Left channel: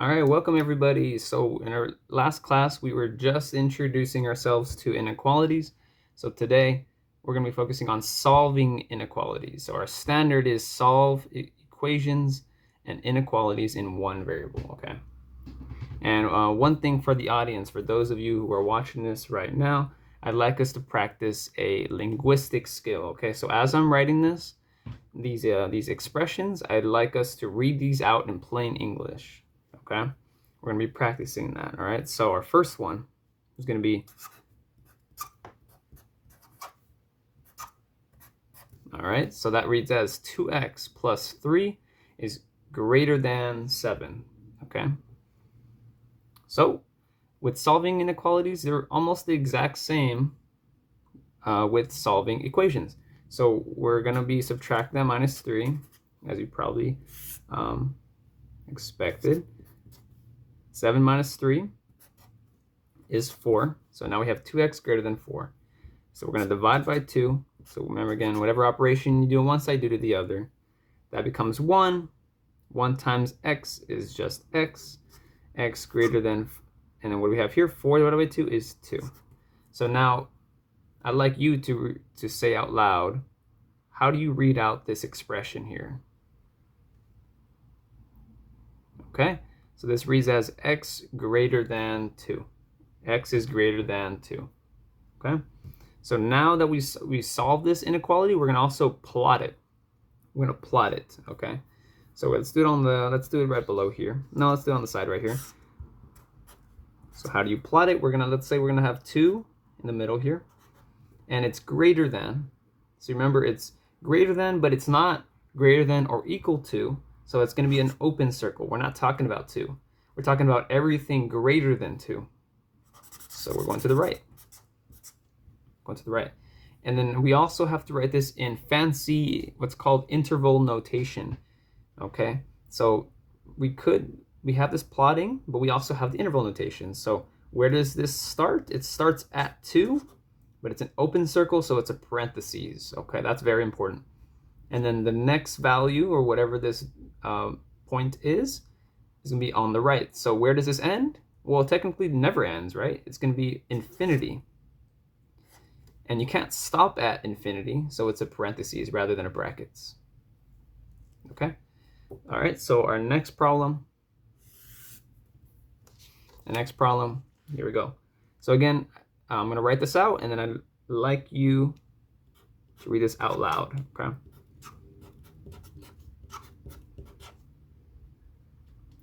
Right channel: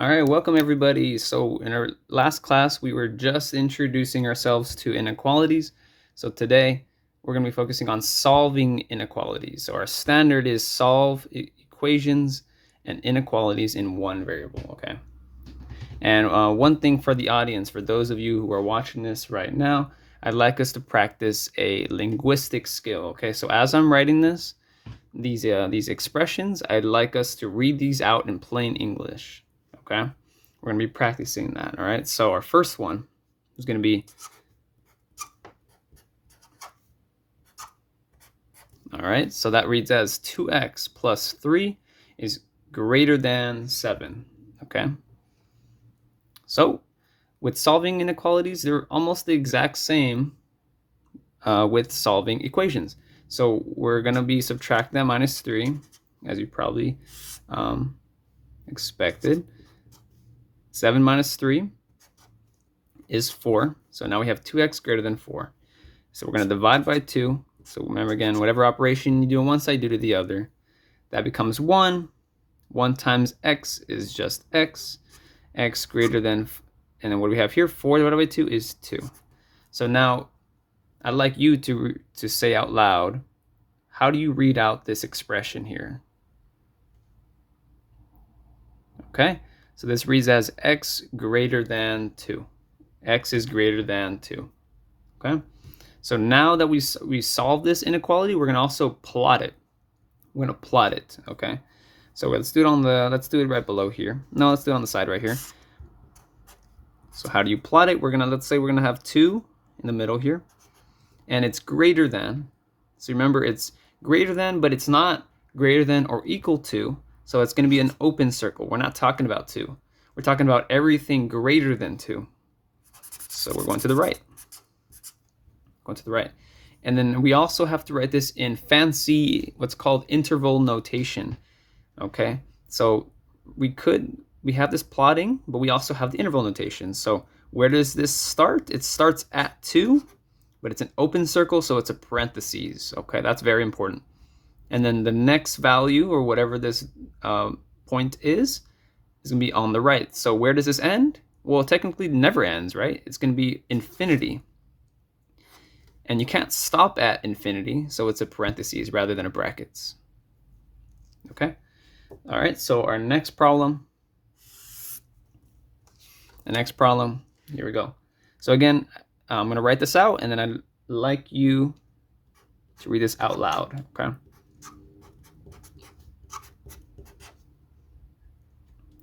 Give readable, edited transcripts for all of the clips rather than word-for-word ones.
All right, welcome everybody. So in our last class, we were just introducing ourselves to inequalities. So today, we're going to be focusing on solving inequalities. So our standard is solve equations and inequalities in one variable, okay? And one thing for the audience, for those of you who are watching this right now, I'd like us to practice a linguistic skill, okay? So as I'm writing these expressions, I'd like us to read these out in plain English. Okay, we're going to be practicing that. All right, so our first one is going to be, all right, so that reads as 2x plus 3 is greater than 7. Okay, so with solving inequalities, they're almost the exact same with solving equations. So we're going to be subtract that minus 3, as you probably expected. 7 minus 3 is 4. So now we have 2x greater than 4. So we're going to divide by 2. So remember again, whatever operation you do on one side, do to the other. That becomes 1. 1 times x is just x. X greater than, and then what do we have here? 4 divided by 2 is 2. So now I'd like you to say out loud, how do you read out this expression here? Okay, so this reads as x greater than 2. X is greater than 2. Okay, so now that we solved this inequality, we're going to also plot it. We're going to plot it, okay? So let's do it right below here. No, let's do it on the side right here. So how do you plot it? Let's say we're going to have 2 in the middle here, and it's greater than. So remember, it's greater than, but it's not greater than or equal to. So it's going to be an open circle. We're not talking about 2. We're talking about everything greater than 2. So we're going to the right. Going to the right. And then we also have to write this in fancy, what's called interval notation. Okay, so we have this plotting, but we also have the interval notation. So where does this start? It starts at 2, but it's an open circle, so it's a parentheses. Okay, that's very important. And then the next value, or whatever this point is going to be on the right. So where does this end? Well, technically it never ends, right? It's going to be infinity. And you can't stop at infinity, so it's a parentheses rather than a brackets. Okay? All right, so our next problem. The next problem, here we go. So again, I'm going to write this out, and then I'd like you to read this out loud, okay?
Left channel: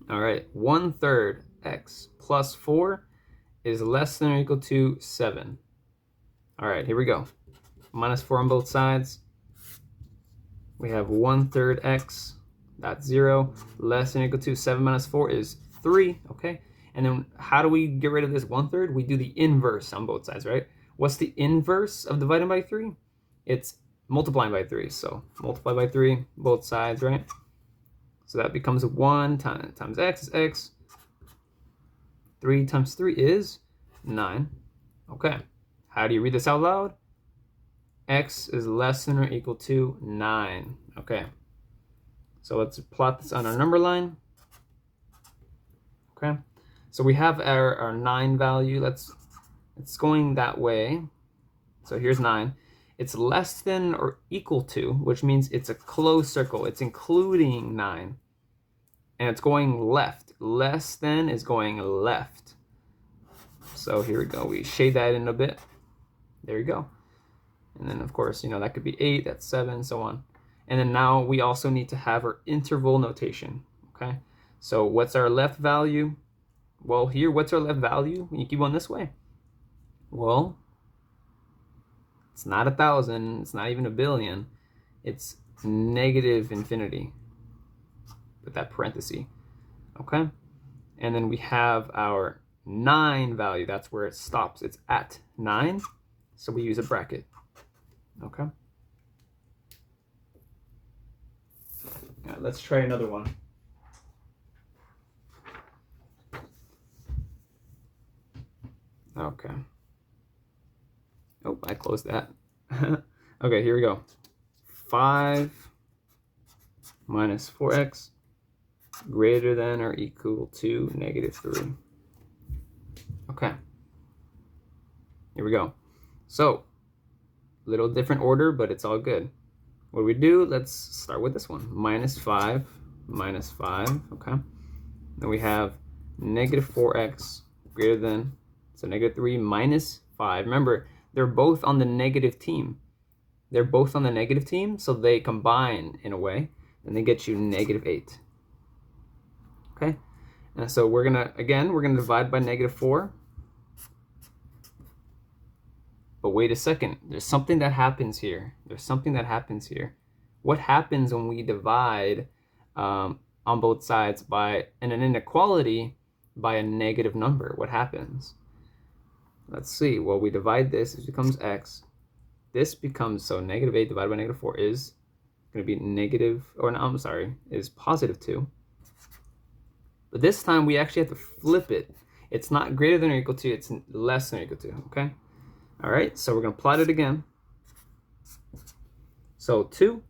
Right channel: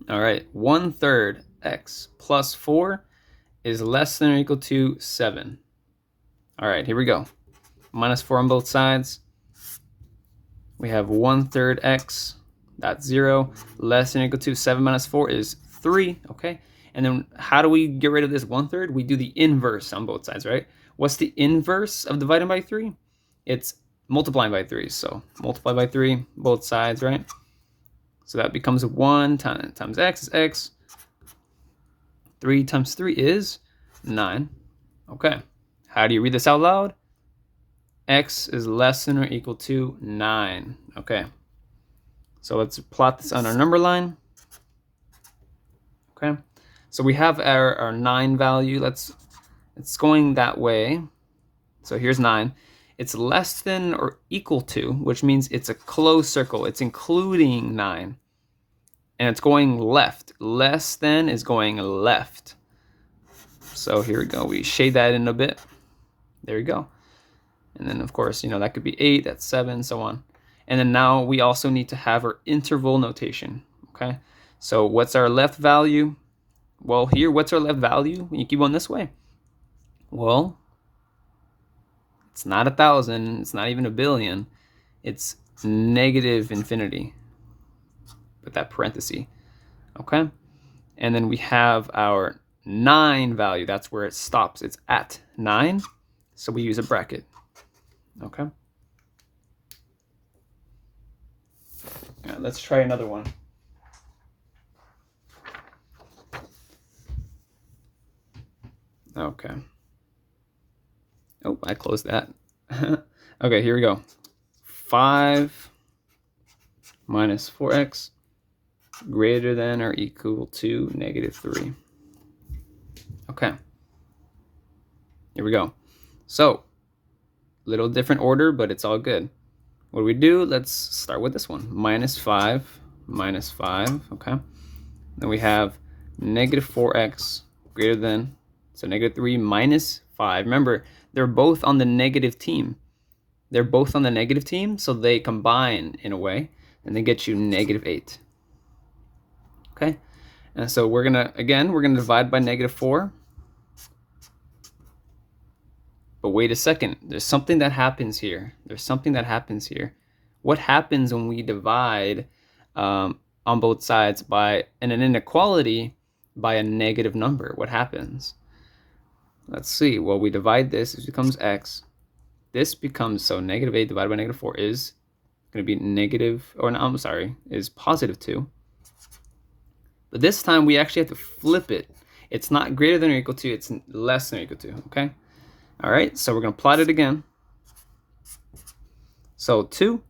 All right, 1/3 x plus 4 is less than or equal to 7. All right, here we go. Minus 4 on both sides. We have 1/3 x, that's 0, less than or equal to 7 minus 4 is 3, okay? And then how do we get rid of this 1/3? We do the inverse on both sides, right? What's the inverse of dividing by 3? It's multiplying by 3. So multiply by 3, both sides, right? So that becomes 1 times x is x. 3 times 3 is 9. Okay. How do you read this out loud? X is less than or equal to 9. Okay. So let's plot this on our number line. Okay. So we have our 9 value. It's going that way. So here's 9. It's less than or equal to, which means it's a closed circle. It's including 9. And it's going left. Less than is going left. So here we go. We shade that in a bit. There you go. And then, of course, that could be 8, that's 7, so on. And then now we also need to have our interval notation, okay? So what's our left value? Well, here, what's our left value when you keep going this way? Well, it's not 1,000, it's not even a billion. It's negative infinity with that parenthesis, okay? And then we have our 9 value. That's where it stops. It's at 9, so we use a bracket. Okay. Yeah, let's try another one. Okay. Oh, I closed that. Okay, here we go. 5 minus 4x greater than or equal to -3. Okay, here we go. So, little different order, but it's all good. What do we do? Let's start with this one. -5, -5, okay? Then we have -4x greater than, so -3 minus 5. Remember, they're both on the negative team. They're both on the negative team, so they combine in a way, and they get you -8. Okay? And so we're gonna divide by -4. But wait a second, there's something that happens here. What happens when we divide on both sides by an inequality by a negative number? What happens? Let's see. Well, we divide this, it becomes x. This becomes, so -8 divided by -4 is going to be is +2. But this time we actually have to flip it. It's not greater than or equal to, it's less than or equal to, okay? All right, so we're going to plot it again. So 2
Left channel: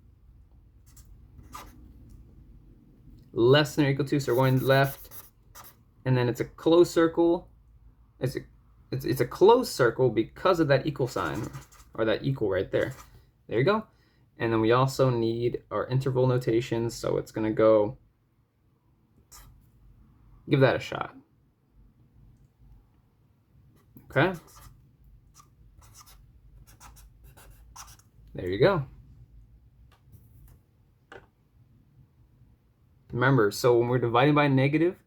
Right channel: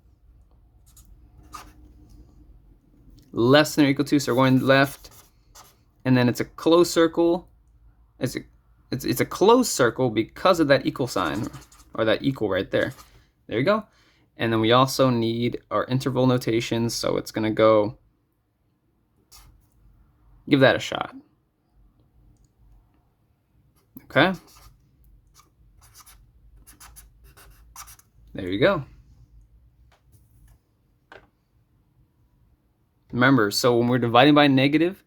less than or equal to, so we're going left, and then it's a closed circle. It's a closed circle because of that equal sign, or that equal right there. There you go. And then we also need our interval notation, so it's going to go, give that a shot. Okay. There you go. Remember, so when we're dividing by negative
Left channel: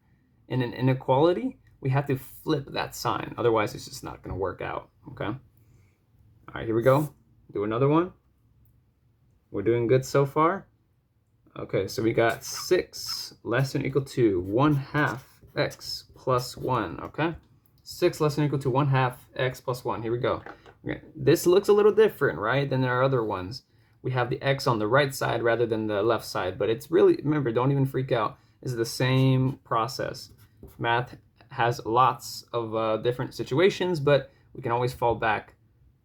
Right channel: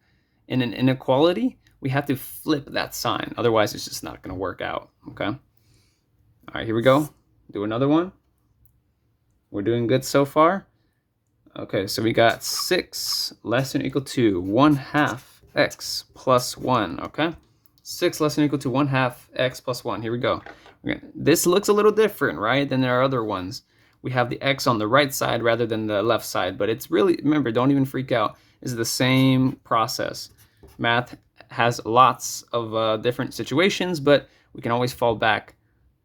in an inequality, we have to flip that sign. Otherwise, it's just not going to work out. Okay. All right, here we go. Do another one. We're doing good so far. Okay, so we got 6 less than or equal to 1/2 x plus 1. Okay. 6 less than or equal to 1/2 x plus 1. Here we go. Okay. This looks a little different, right, than our other ones. We have the x on the right side rather than the left side, but it's really, remember, don't even freak out. This is the same process. Math has lots of different situations, but we can always fall back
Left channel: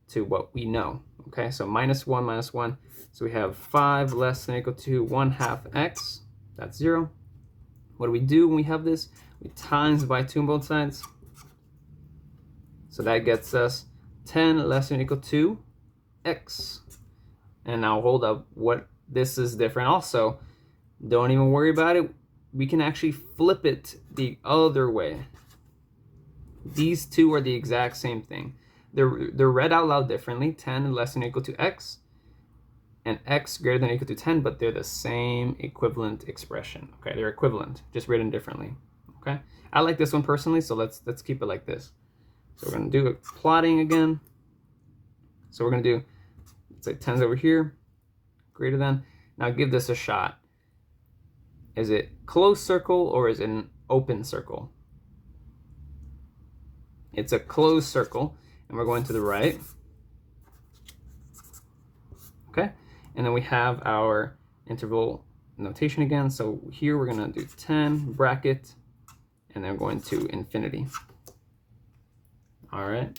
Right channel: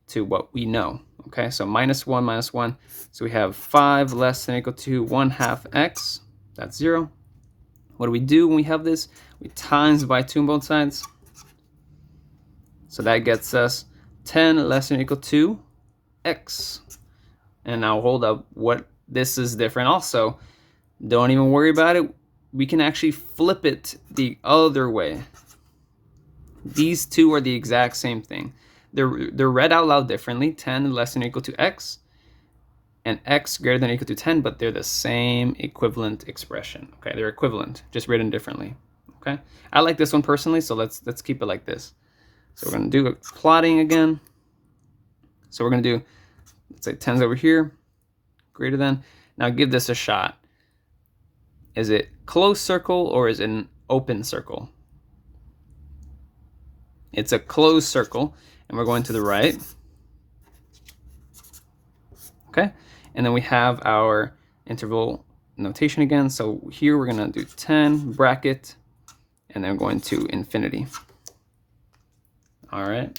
to what we know. Okay, so -1, -1. So we have 5 less than or equal to 1/2 x. That's 0. What do we do when we have this? We times by 2 on both sides. So that gets us 10 less than or equal to x. And now hold up, what this is different also. Don't even worry about it. We can actually flip it the other way. These two are the exact same thing. They're read out loud differently. 10 less than or equal to x, and x greater than or equal to 10, but they're the same equivalent expression. Okay, they're equivalent, just written differently. Okay, I like this one personally, so let's keep it like this. So we're gonna do plotting again. So we're gonna do, let's say 10's over here, greater than. Now give this a shot. Is it closed circle or is it an open circle? It's a closed circle, and we're going to the right. Okay, and then we have our interval notation again. So here we're gonna do 10 bracket, and then we're going to infinity. All right,